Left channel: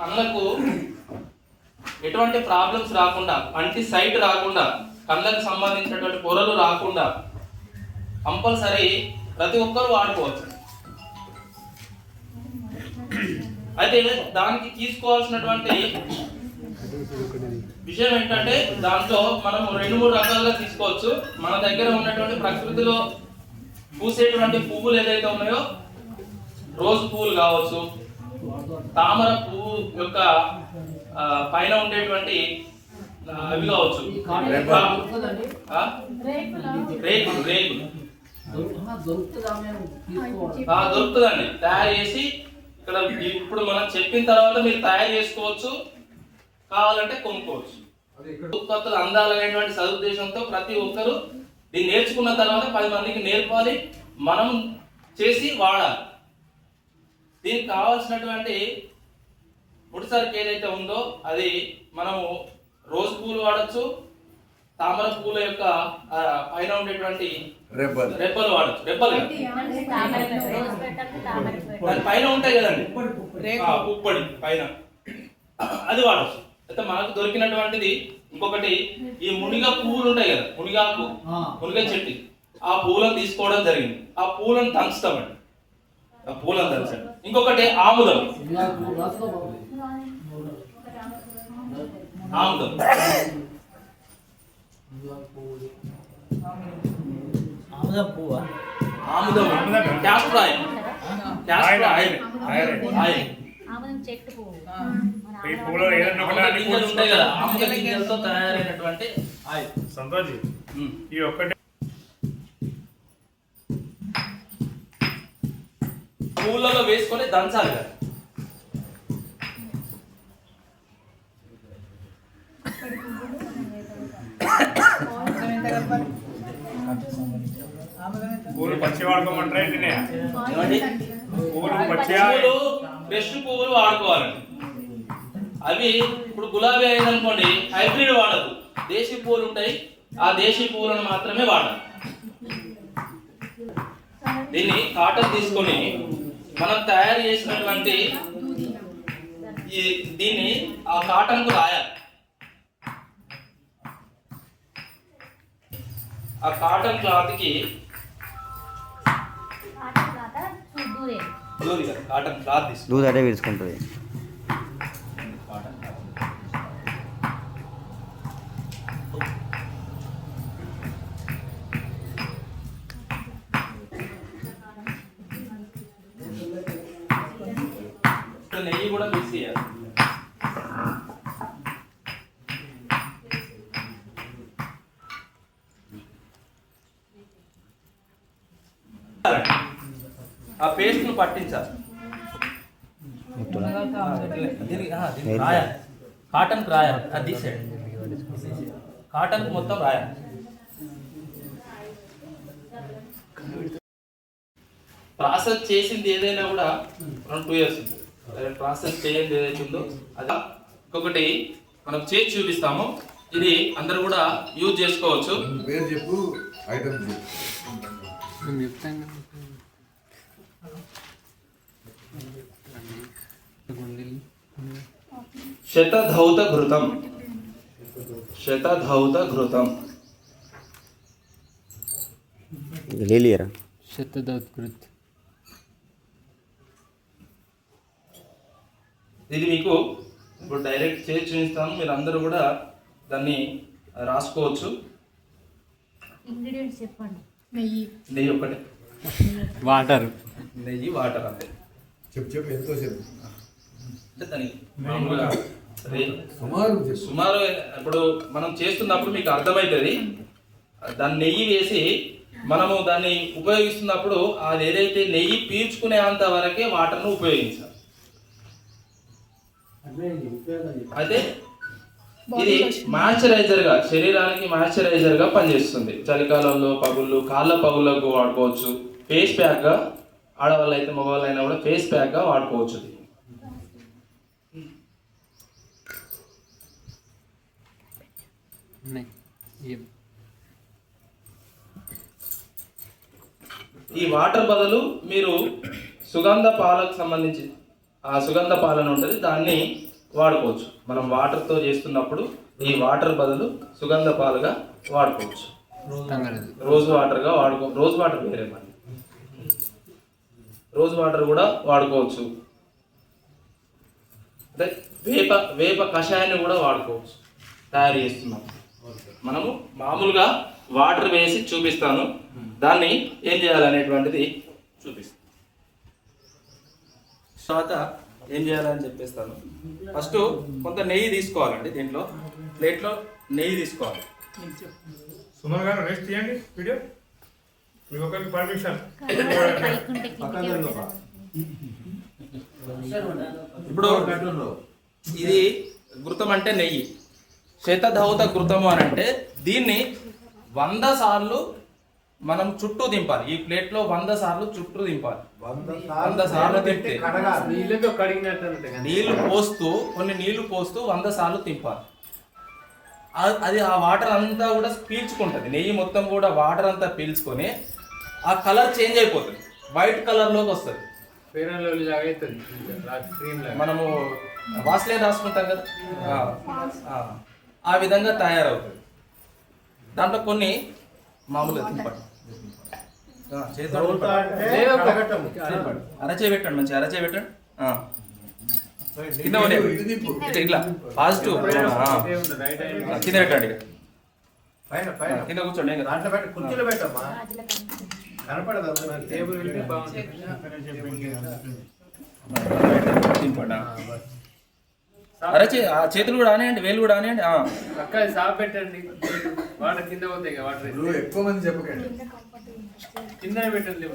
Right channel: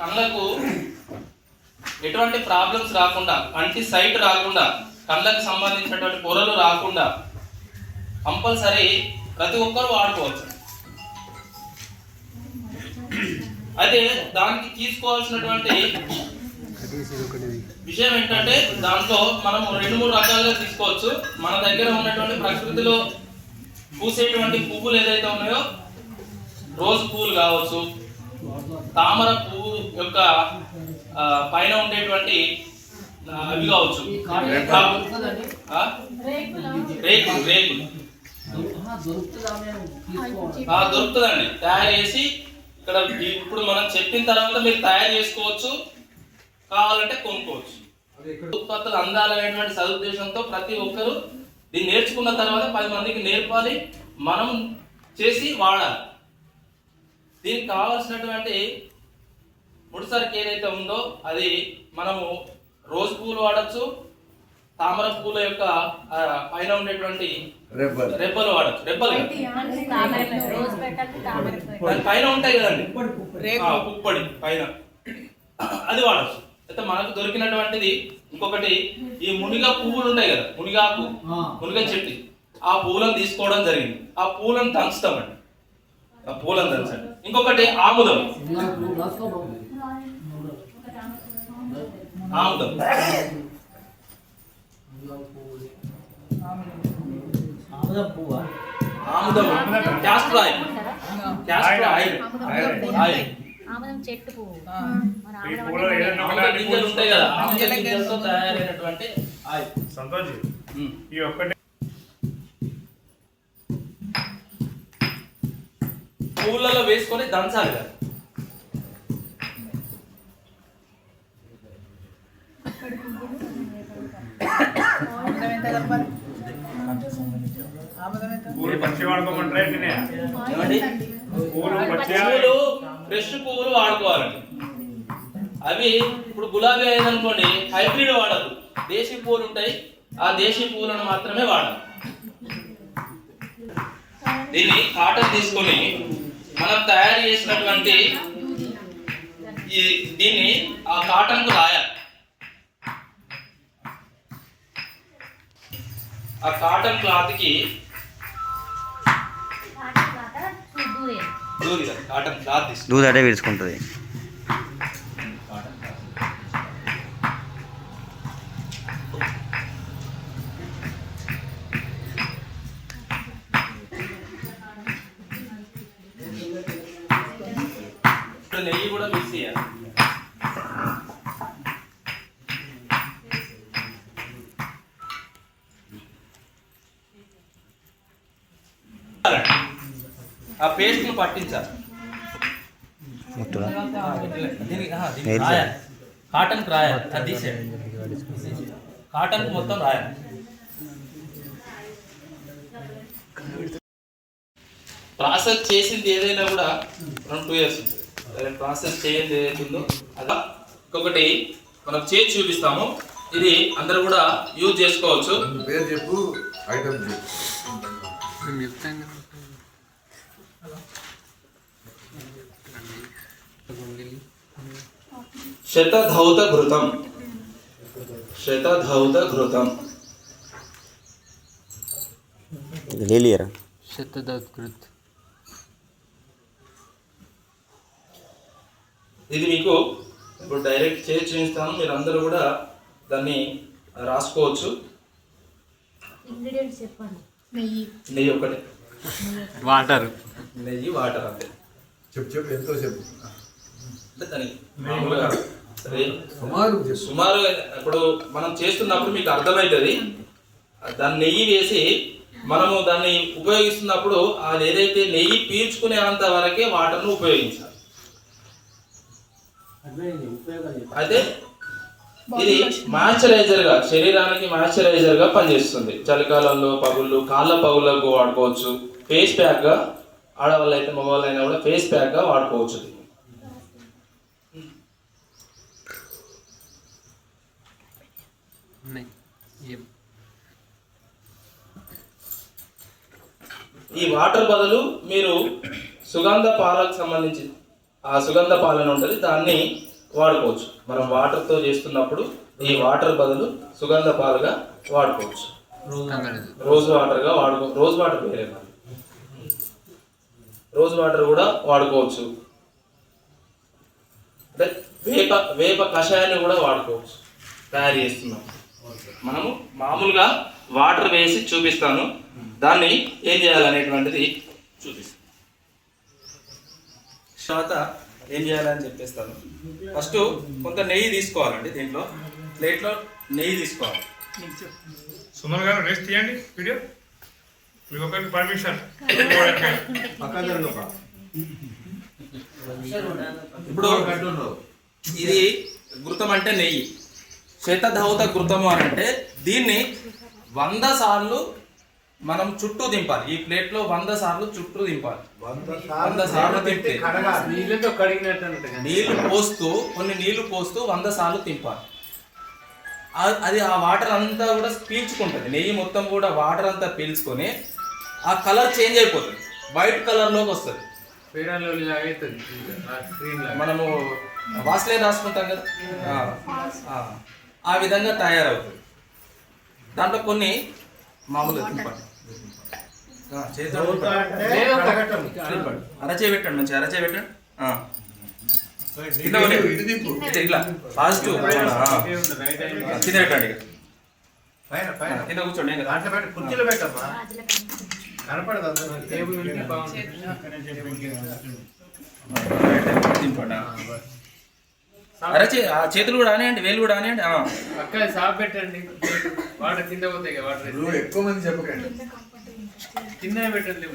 కళ్ళకు ఎటువంటి ప్రాబ్లమ్స్ రాకుండా, కంటి సైట్ రాకుండా, కళ్ళకు సంబంధించినటువంటి పొరలు రాకుండా కంపల్సరీ ప్రతి ఒక్కరు వాడుకోవచ్చు. అయితే దానికి తీసుకోవాల్సినటువంటి విషయం ఏంటంటే, దాంట్లో మనము 2-3 రకాలుగా తీసుకోవచ్చు. మన దగ్గర ఉన్నటువంటి ప్రకృతిలో పూసేటువంటి పువ్వులు ఏదైతే ఉన్నాయో, రోజ్ పువ్వులు కావచ్చు, తామర పువ్వు యొక్క పైన ఉండేటువంటి అవి కావచ్చు, రేకులు దొరుకుతుందండి. తయారు చేసి ఇక్కడ ఇప్పుడు మనం చెప్పిన తర్వాత మీరు తయారు చేసుకోవచ్చు, కావాలంటే కొనుక్కోవచ్చు. ఉత్పత్తులు అందాలనేటువంటి సదుద్దేశంతో ప్రతి ఒక్కరు దీన్ని నేర్చుకున్న తర్వాత 10 మందికి నేర్పాలి, మనం చేసి వాడాలి. దీనికి కావాల్సినటువంటి ముడిసరికి ఏదైతే ఉందో అది మనము రోజ్ పూలు వాడచ్చు, తామర పూల యొక్క పైన ఉండేటువంటి రెబ్బలు వాడచ్చు. రెబ్బలు దాని పైన ఉంటాయి కదండి, పుప్పొడి పైన, అది వాడచ్చు. అయితే మనకు దొరికినటువంటిది ఇంకొకటి, ఈ మునిగ పువ్వులు ఉంటాయి కదా, మునిగ చెట్టు, ఆ పూలను తీసుకోవడం జరిగింది. ఆ పూలను దంచుతామండి, పూలను దంచండి. ఇంకొకటి ఆముదం, క్యాస్టర్ ఆయిల్ ఉంటాయి కదా, ఆముదం గింజలతో తయారైనటువంటి ఆయిల్. ఈ ఒక్కటి పూలలో వేసుకొని దంచాలి కదా. ఫ్రెష్ పువ్వులు వాడుకోవాలండి. అవి ఇప్పుడు గులాబీ అయిందనుకోండి, హైబ్రిడ్ వాడదు, దేశీ పువ్వులు ఉంటాయి, ఆ దేశీ పువ్వులను మాత్రమే వాడాలి. దీన్ని కాటన్ తీసుకొని మనం తయారు చేసినటువంటి దీన్ని ఆ కాటన్ కు రాయాలి. ఆ కాటన్ క్లాత్ కి కాటన్ క్లాత్ దూది అటే విడుచుకుంటుంది. నెయ్యి కూడా మిక్స్ చేయాలి. ఆ పేస్ట్ ను పట్టించాలి, కాటన్ కు రాయాలి. అది తీసేయండి, కాటన్ కు మొత్తం రాయాలి. ప్రాసెస్ చేసింది ఏదైనా కూడా 2 years ఉంటుంది. ప్రాసెస్ చేయండి ఏదైతుందో అది. ఇంకొకటి మనం చేసి చూపిస్తాము, ఇది అందరూ కూడా యూజ్ చేసుకోవచ్చు. శతధౌత ఘృతం, శతధౌత ఘృతం, ఇది మీకు ఇప్పుడు డైరెక్ట్ చేసి చూపిస్తాను, మీరు అందరూ కూడా దాన్ని రాసుకోవచ్చు. నెయ్యి ఒకటే, వాటర్, నెయ్యి వాటర్ అంతే. చెప్పు ఎంతో చెప్పు. అంటే దానికి మామూలుగా సుమారు ఇప్పుడు మనం చేస్తున్నప్పుడు మీకు అర్థమవుతుంది. దాన్ని నెయ్యి వేసి మనము దాన్ని ఉపయోగిస్తున్నప్పుడు అది ఏదైతే నెయ్యి పీల్చుకునే అంత వరకే వాటర్ను ఉపయోగించాలి. అయితే ఇది మాయిశ్చరైజర్ గా, శరీరానికి మాయిశ్చరైజర్ గా పనిచేస్తుంది. చలికాలంలో పగుళ్ళు, కాళ్ళ పగుళ్ళకు వాడుకోవచ్చు. ఫేస్ ప్యాక్ గా, ఆడవాళ్ళు అయితే మగవాళ్ళు అయినా కూడా ఫేస్ ప్యాక్ గా వాడుకోవచ్చు. ఈ వాటర్ బదులు మీరు సుగంధ పాలకు సంబంధించి ఆ సుగంధ పాలన ఉంటుంది, దాన్ని వాడుకోవచ్చు. మనం వాటర్తో చేస్తున్నప్పుడు ఈ వాటర్ బదులు సుగంధ పాలుగా వాడుకోవచ్చు. రోజ్ వాటర్గా రోజ్ వాటర్ వేరే మరి, రోజ్ వాటర్ కూడా వాడుకోవచ్చు. అంటే వేప కషాయాన్ని కూడా వాడుకోవచ్చు తయారు చేస్తున్నాం. మనము మామూలుగా వాటర్ వేసి చూపిస్తాను, దాన్ని ఏం చేయాలనేటువంటిది చూపిస్తాను. తర్వాత ఏం చేయాలని చెప్పేస్తాను. ఫస్ట్ కొంత నెయ్యి తీసుకోవాలండి. దీంట్లో ప్లేట్లో నెయ్యి తీసుకోవాలి. సుమన్ గారు రేస్ తీయండి వీడియో, మీకు ఒకరికి పర్మిషన్. ఇప్పుడు ఇది ఘృతం అంటే నెయ్యి, శతధౌత ఘృతము అని అంటే దీన్ని 100 సార్లు మనం చుట్టూ దింపాలి. ఈ ప్లేట్లో 100 సార్లు చుట్టూ దింపాలి. 100 సార్లు తింటే నీళ్లు పోస్తూ కొన్ని నీళ్లు పోస్తూ 100 సార్లు తింపాలి. అది ఆ వాటర్ అంతా కూడా పీల్చుకుంటుంది. నెయ్యి మొత్తం కూడా వాటర్ అంతా పీల్చుకొని ఆ కలర్ చేంజ్ అయిపోతుంది, వైట్ కలర్లోకి వస్తుంది. మనము వాస్లైన్ రాసుకుంటాం కదా, ఆ విధంగా తయారవుతుంది. దాంట్లో కొన్ని మామూలుగా తింపండి, అరచే పెట్టండి, మంచి అరచే పెట్టండి. ఇట్లా పాజిటివ్ కింద పెట్టండి, కింద కూర్చోండి. అరచే ఆ చేతులు కూడా ఆనేయండి, వేలు కూడా ఆనేయండి. సాఫ్ పెట్టండి, వాటర్ కింద పోతాయి. వాటర్ ఎక్కువ మంది చెప్పకండి, కింద పెట్టండి.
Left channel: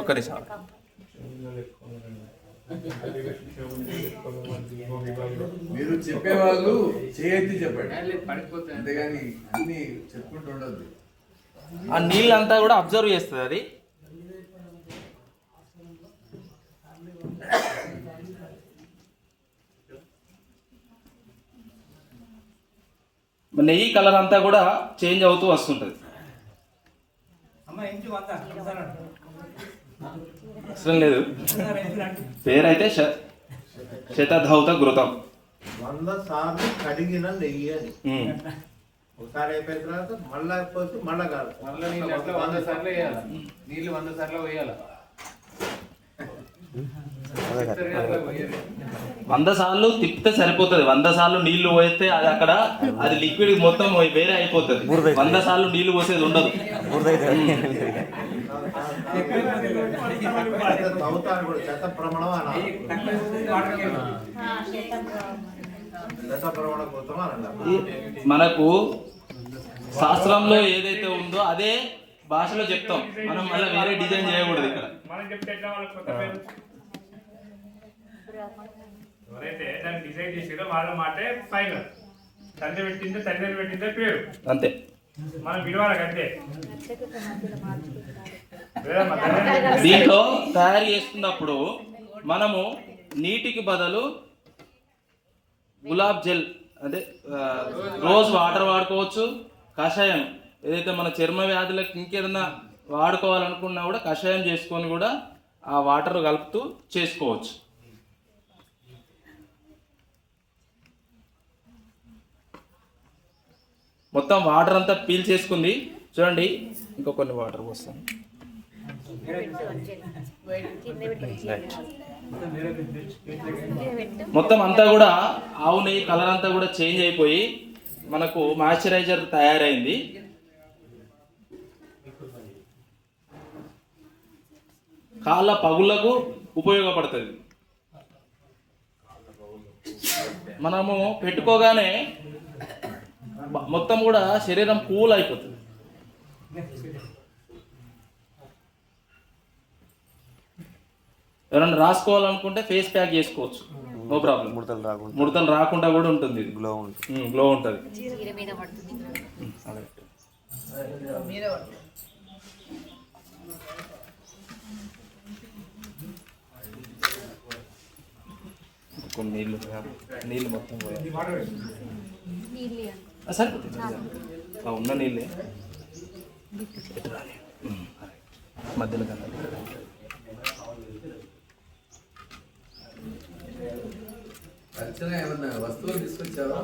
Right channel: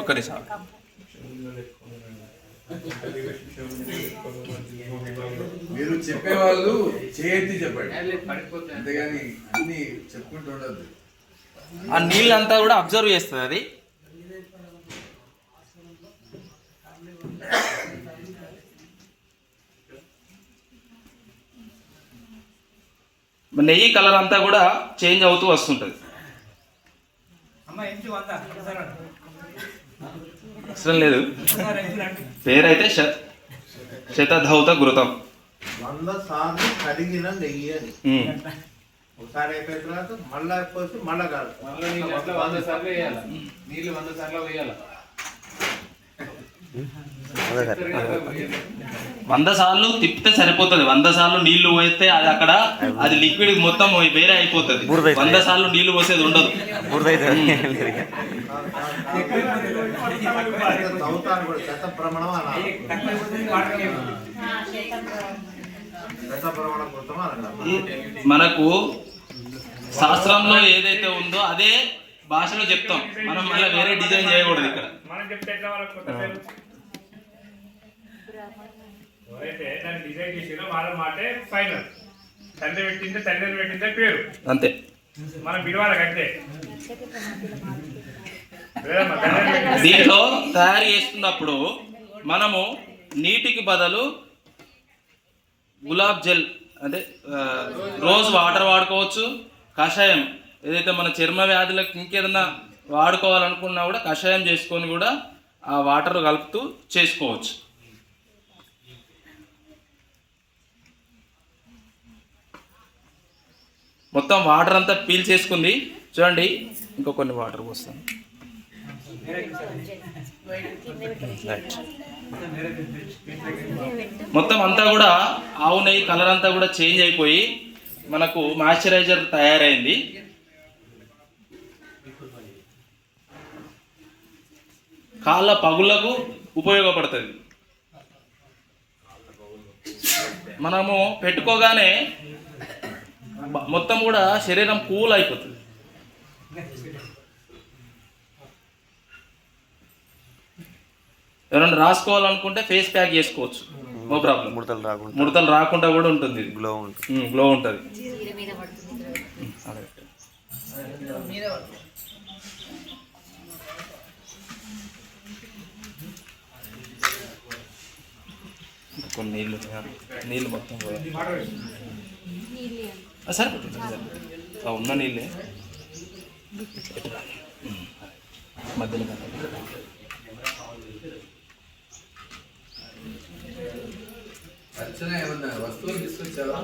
ఒక్క నిమిషం. మీరు చెప్పేవాళ్ళు చేయెత్తి చెప్పండి, పడిపోతాయి. అంతేగాని అన్ని చెప్పుకుంటూ ఉండద్దు. ఆ నీళ్ళంతా కూడా అబ్జర్వ్ చేస్తుంది అది. నెయ్యి కలర్ అంతా కూడా చేంజ్ అవుతూ వస్తుంటుంది. అవసరం లేదు, పేరైతే శతధౌత ఘృతం. 100 సార్లు కడిగిన నెయ్యి అని ఒకసారి అయిపోయిన తర్వాత మళ్ళా పోసి మళ్ళా కాదు, మళ్ళీ 100 సార్లు వేయాలి నీళ్ళు, 100 సార్లు వేయాలి. 100 సార్లు తిప్పితే సరిపోతుంది. 100 సార్లు నీళ్లు పోస్తే అది లిక్విడ్ మొత్తం వేరే అయిపోతుంది. 100 సార్లు నీళ్లు పోసేది ఉండదు. తవ్వుతాను కూడా శతప్రమణం అనాలి, శతప్రమణ కృతం అనాలి. మనకు శాస్త్రంలో ఏదైతే ఉందో అదే భాషలో చెప్తాం. మనం మళ్ళీ వేరే డిజైన్ చేయకూడదు. ఇక్కడ మనం చెప్తే ఎట్లా వాళ్ళకి కొత్త పేరు ఎవరైతే దాన్ని డిజైన్ చేసిందో వాళ్ళ మాటే ఫైనల్. తండ్రి పెట్టిందే తండ్రి పెట్టిందే పేరు, అంతే. మనం విలువాలకు అంతే. దీంట్లో తయారు చేస్తున్నప్పుడు మనము నీటికి బదులు గులాబ్ జెల్ అంటే రోజ్ వాటర్ వాడుకోవచ్చు. కషాయం ఏదైతే మన చర్మ వ్యాధులకు ఇంకేదన్నా వాడుకోవాలనుకున్నా కూడా కషాయం చేసుకొని కూడా ఆ వాటర్ కలుపుతూ చేసుకోవచ్చు. మొత్తం వాటర్ అంతా పీల్ చేసుకుంది చూడండి. ఇంకో కొన్ని వాటర్ పోస్తాను. మొత్తం అంతా కూడా ఆవు నెయ్యి కలర్ అంతా కూడా చేంజ్ అయిపోయి మనకు మాయిశ్చరైజర్ తయారైంది. కాళ్ళ పగుళ్లకు ఉపయోగపడుతుంది. మనము పెట్టుకోగానే మొత్తం కూడా శరీరం కూల్ అయిపోతుంది. ఎవరైనా రాసుకోవాలనుకుంటే ఫేస్ ప్యాక్ చేసుకోవచ్చు, నో ప్రాబ్లం. ముడతలు రాకుండా కూడా ఉంటుంది, గ్లో ఉంటుంది. కొన్ని నీళ్ళు మొత్తం పోయాయి సార్, ఉన్న నీళ్ళే మధ్యలో కన్నా అర్చన ఏమన్నా వస్తువులు తీసుకొచ్చావా?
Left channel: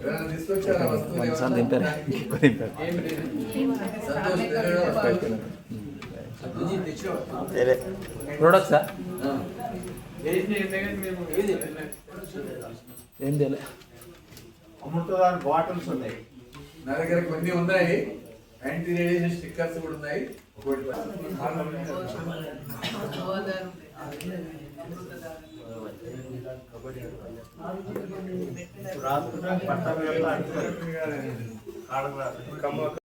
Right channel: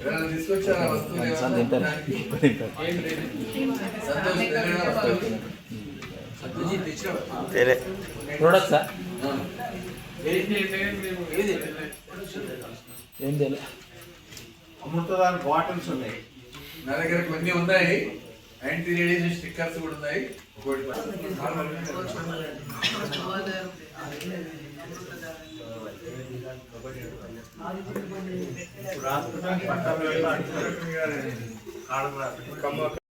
ఎవరైనా తీసుకొచ్చారా వస్తువులు ఏమన్నా? సంతోష్ తెలంగాణ వస్తువులు. ప్రొడక్ట్సా ఆ. ఏం తెలియదు. అమృతదాన్ బాటిల్స్ ఉన్నాయి. నా దగ్గర కొన్ని ఉన్నాయి, యాంటీ రేడియేషన్ స్టిక్కర్స్ కూడా ఉన్నాయి. ఒకటి రాసుకుంటే పట్టాలు పెడతా అంటున్నారు. ఆడకు రాదు.